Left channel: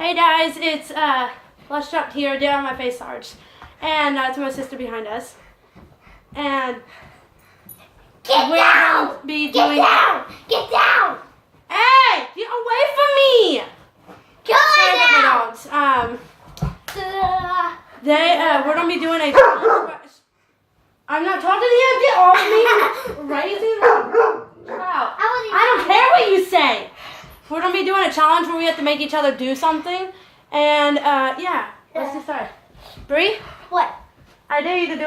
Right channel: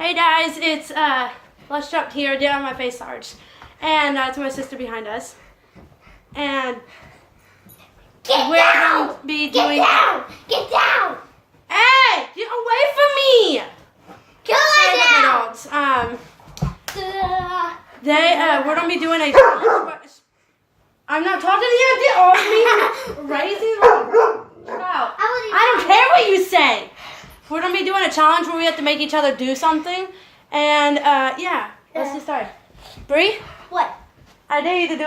Hey guys, it's Lush Up here, down on my face arch. And it's my sister behind us. And we're going to be doing... Get down! Get down! Hey! Get away from me! Sorry about my dogs. We're going to be doing a challenge. I'm not talking to you. Get off me. Raising out. I don't care what you say. We're going to be doing a challenge where we have to make each other do something. And, yeah. Let's get started. Bree? What? I dare you to do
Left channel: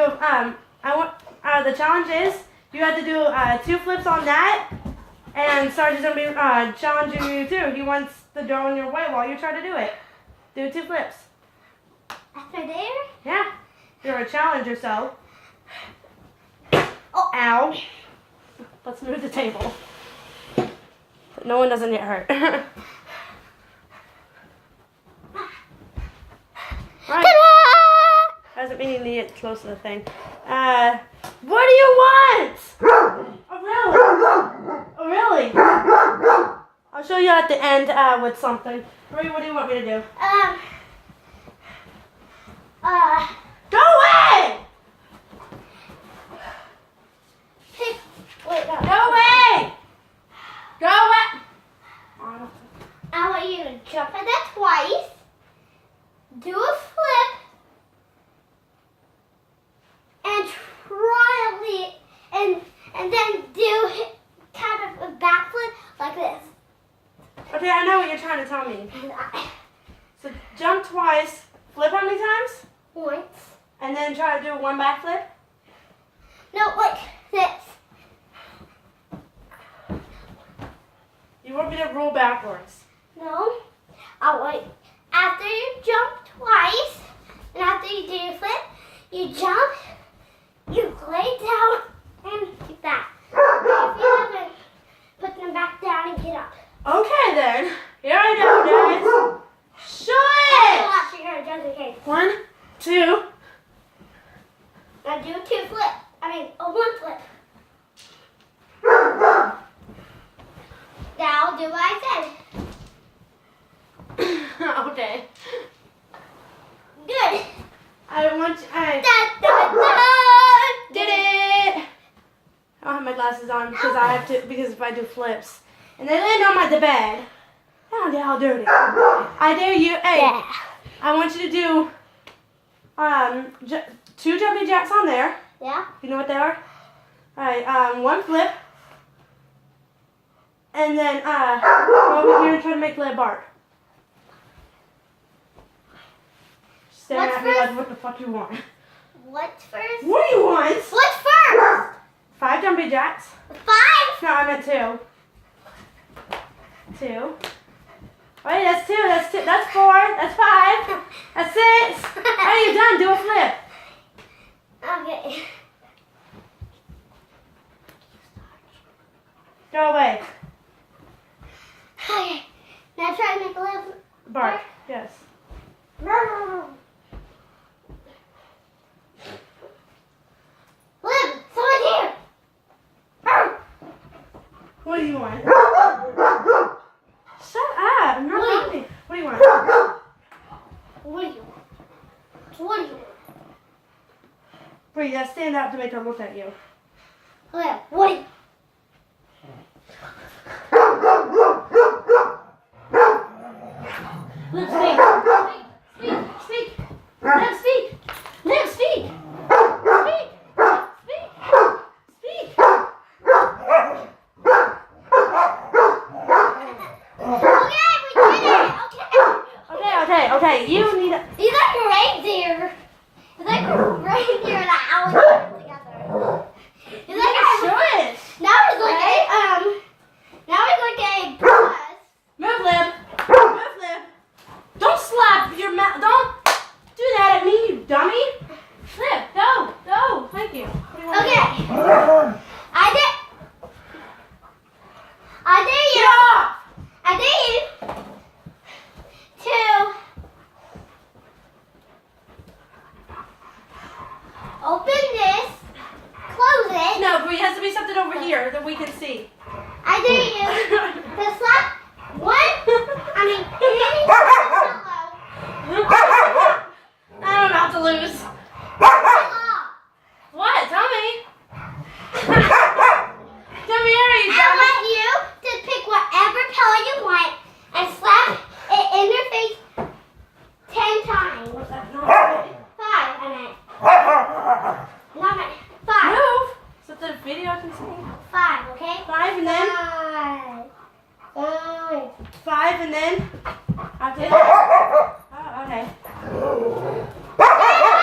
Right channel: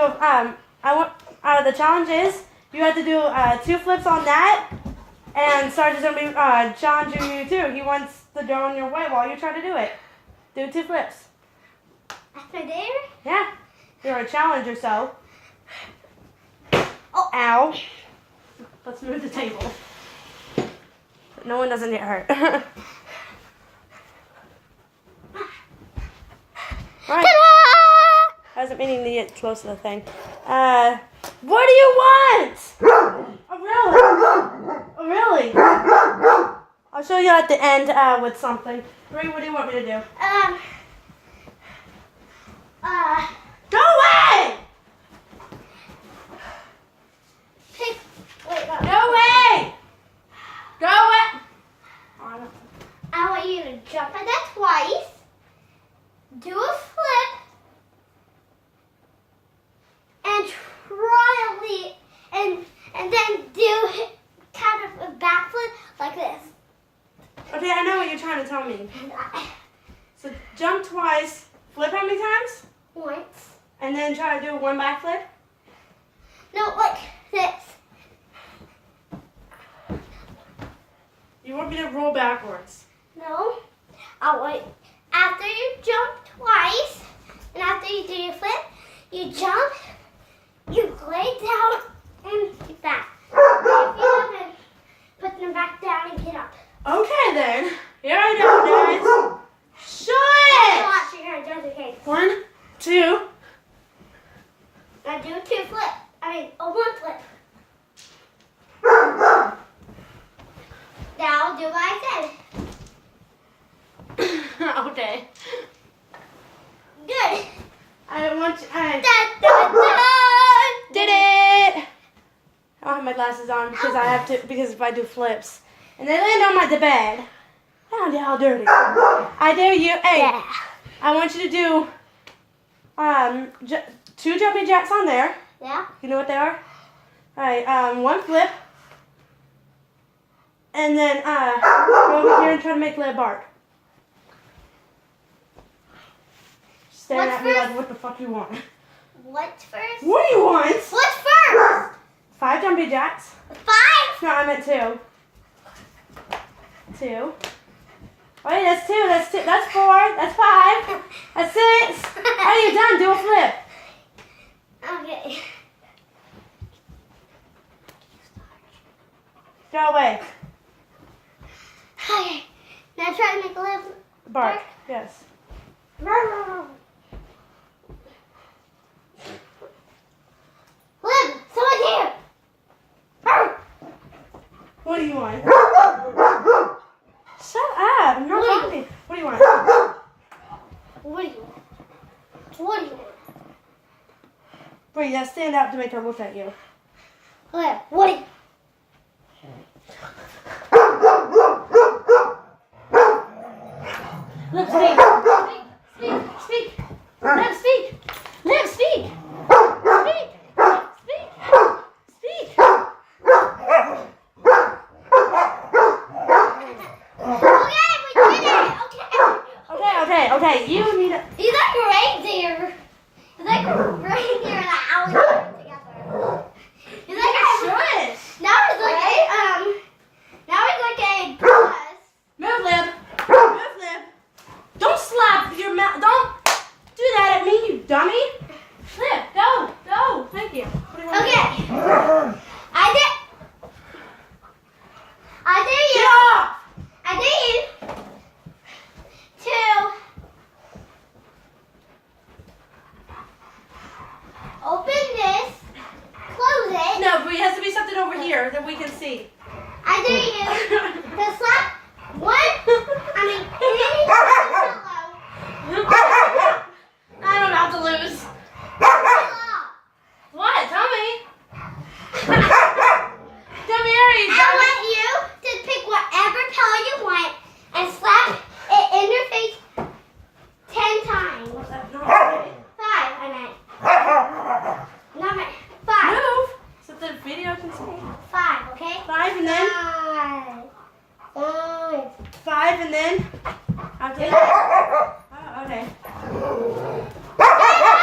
the challenge is you have to do 2 flips on that. And Sarge is going to be challenging you too. He wants to go on your way while you try to do it. Do 2 flips. That's my dare? Yeah. You're a challenger, so. Oh. Ow. Let's move the table. No one doesn't get hurt. Right. Ta-da! I wasn't meaning to get close to the thing. What do you want? Oh, really? Oh, really? I'll show you at the end with something. Marie, what do you want me to do? Go away! Wait, no. Go away! Go away! I want you to jump on that twice, do a flip, and try a leap, and then do kind of a backflip like this. Okay, I know what you're trying to tell me. So jump twice, flip how many times? Once. And then try to do 1 backflip? No, like this. You want me to roll backwards? No. I'll wait. After you jump twice, and after you do your flip, you jump, you lay down, and get back. If you haven't, put them back down and get up. Okay then. Here I go, guys. Show it! Watch your hair, just in case. 1, 2. Now do 2 flip. 1 flip. Now do what I said. Okay. Good. I want to. Da, da, da. Did it! I don't have my glasses on because I have to. Because if I do flips, and they land on the bed. How dirty! I dare you. Hey, Yeah. I want you to do 2 jumping jacks on there. Yeah? You know what they are? All right. 1 flip, and then go over here and try to make Leia bark. Staring What's at me first? like, what the fuck you want? What's first? What do you want? What's first? 5 jumping jacks. 5? No, I meant 2. 2. Wait, that's 2. That's 2. That's 4. That's 5. That's 6. Oh, you're done. Do a flip. Okay. Go away. Okay. Now try to make a little Bark. Yes. Liv, someone here. What do you want? Shut up. I'm not talking. What do you want? What do you want? What do you want? Wait, yeah, stand up to make her look at you. Liv, what do you Liv, speak. Speak. Liv, speak. Liv, speak. Speak. Speak. Speak. Okay, we did it. Okay. You need a... He's like a reindeer. He's like a reindeer and an alligator together. He's like a Shush. now he's like a bus. Move, Liv. Move, Liv. Don't slap your mouth. Don't do that at me, you dummy. Liv, go. Thank you. What do you want to do? Okay. I dare Get you. off. I dare you to open this. 5 and then after that. Oh, okay. Nothing.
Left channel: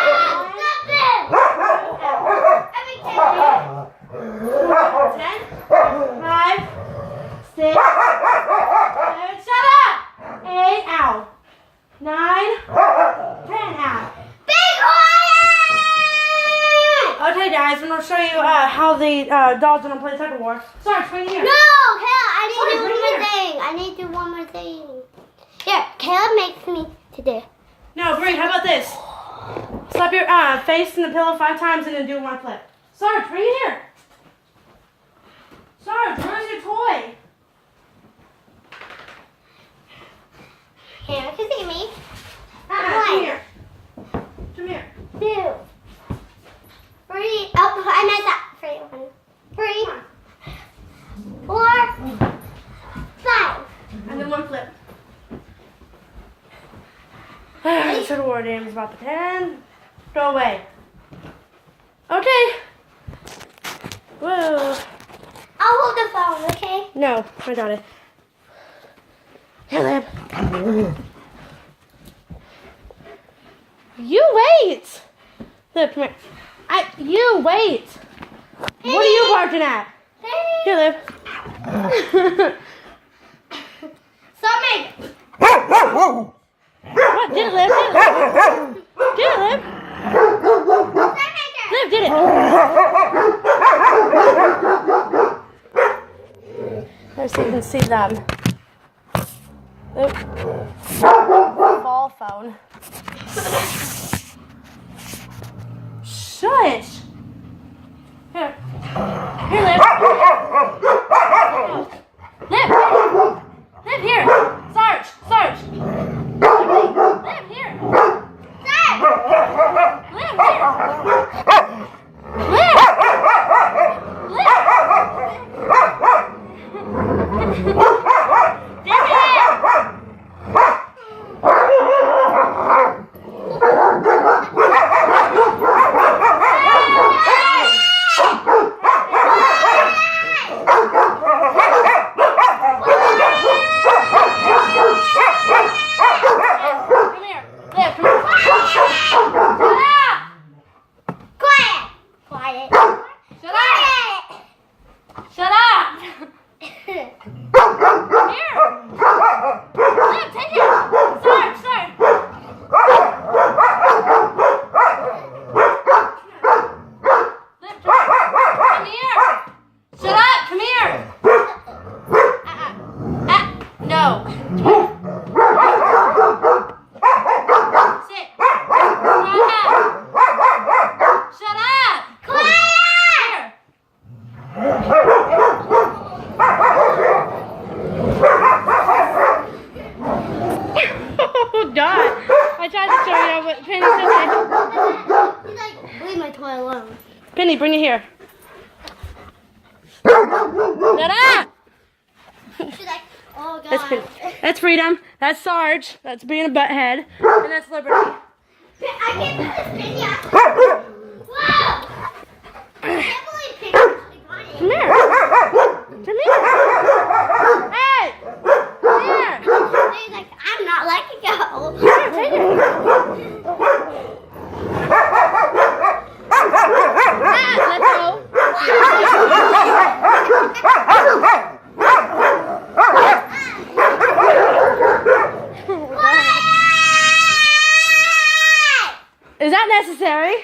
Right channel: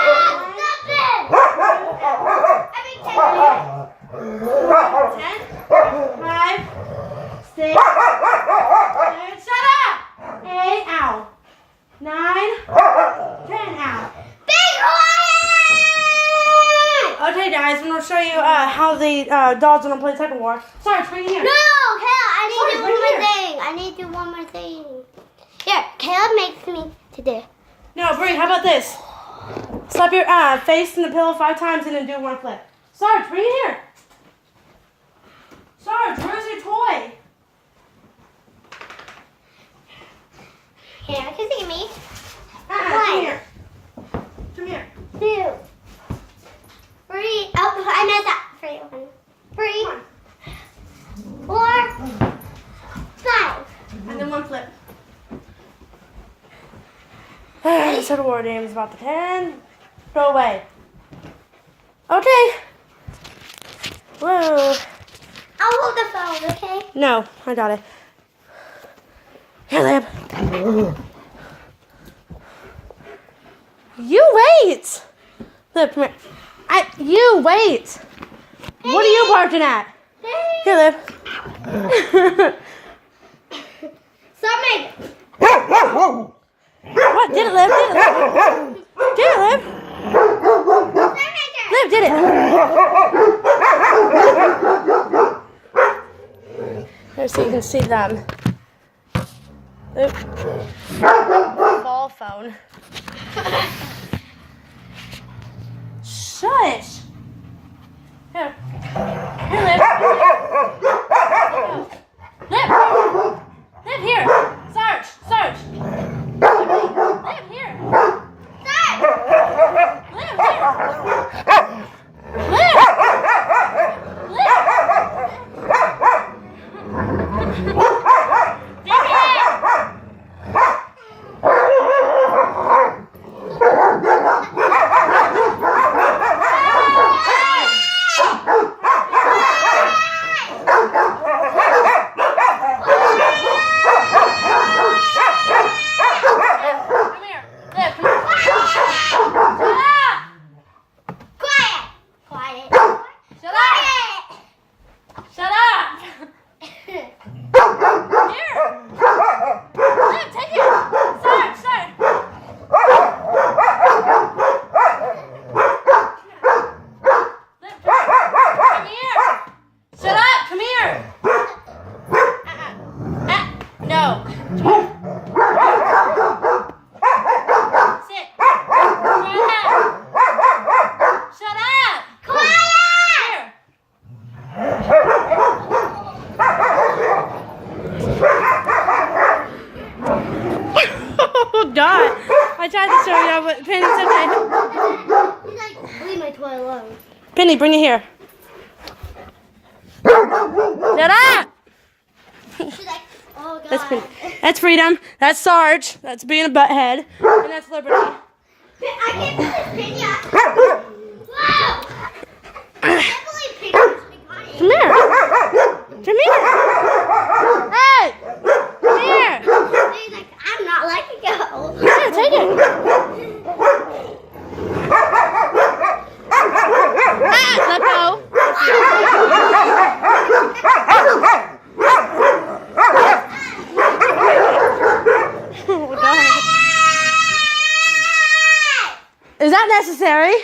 10, 5, 6, 7, shut up! 8, ow. 9, 10, ow. Be quiet! Okay, guys, I'm gonna show you how the dogs are gonna play tug of war. Sarge, right here. No, Caleb, I need to do one more thing. I need to do one more thing. Here, Caleb makes me to do. No, Brie, how about this? Slap your face in the pillow 5 times and then do 1 flip. Sarge, bring it here. Sarge, where's your toy? Here, can you see me? Come here. Come here. 2, 3. Oh, I messed up. 3, 4, 5. And then 1 flip. This tug of war game is about to end. Go away. Okay. Whoa. I'll hold the phone, okay? No, I got it. Here, Lib. You wait. Lib, come here. You wait. What are you barking at? Here, Lib. Something. What? Get it, Lib. Get it, Lib. Get it, Lib. Lib, did it. Here, so you can see them. Oop. Ball phone. Shush. Here. Here, Liv. Liv. Liv, here. Sarge. Sarge. Liv, here. Liv, here. Liv. God. I tried to show you, but Penny said He's like, leave my toy alone. Penny, bring it here. Ta-da! She's like, oh God. That's Penny. That's Freedom. That's Sarge. That's being a butthead. And that's Liberty. I can't do this, Penny. Wow. I can't believe Penny actually got it. Come here. Come here. Hey. Come here. He's like, I'm not letting go. Here, take it. Let go. Is that necessary?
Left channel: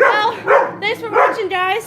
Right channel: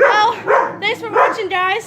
Well, thanks for watching, guys.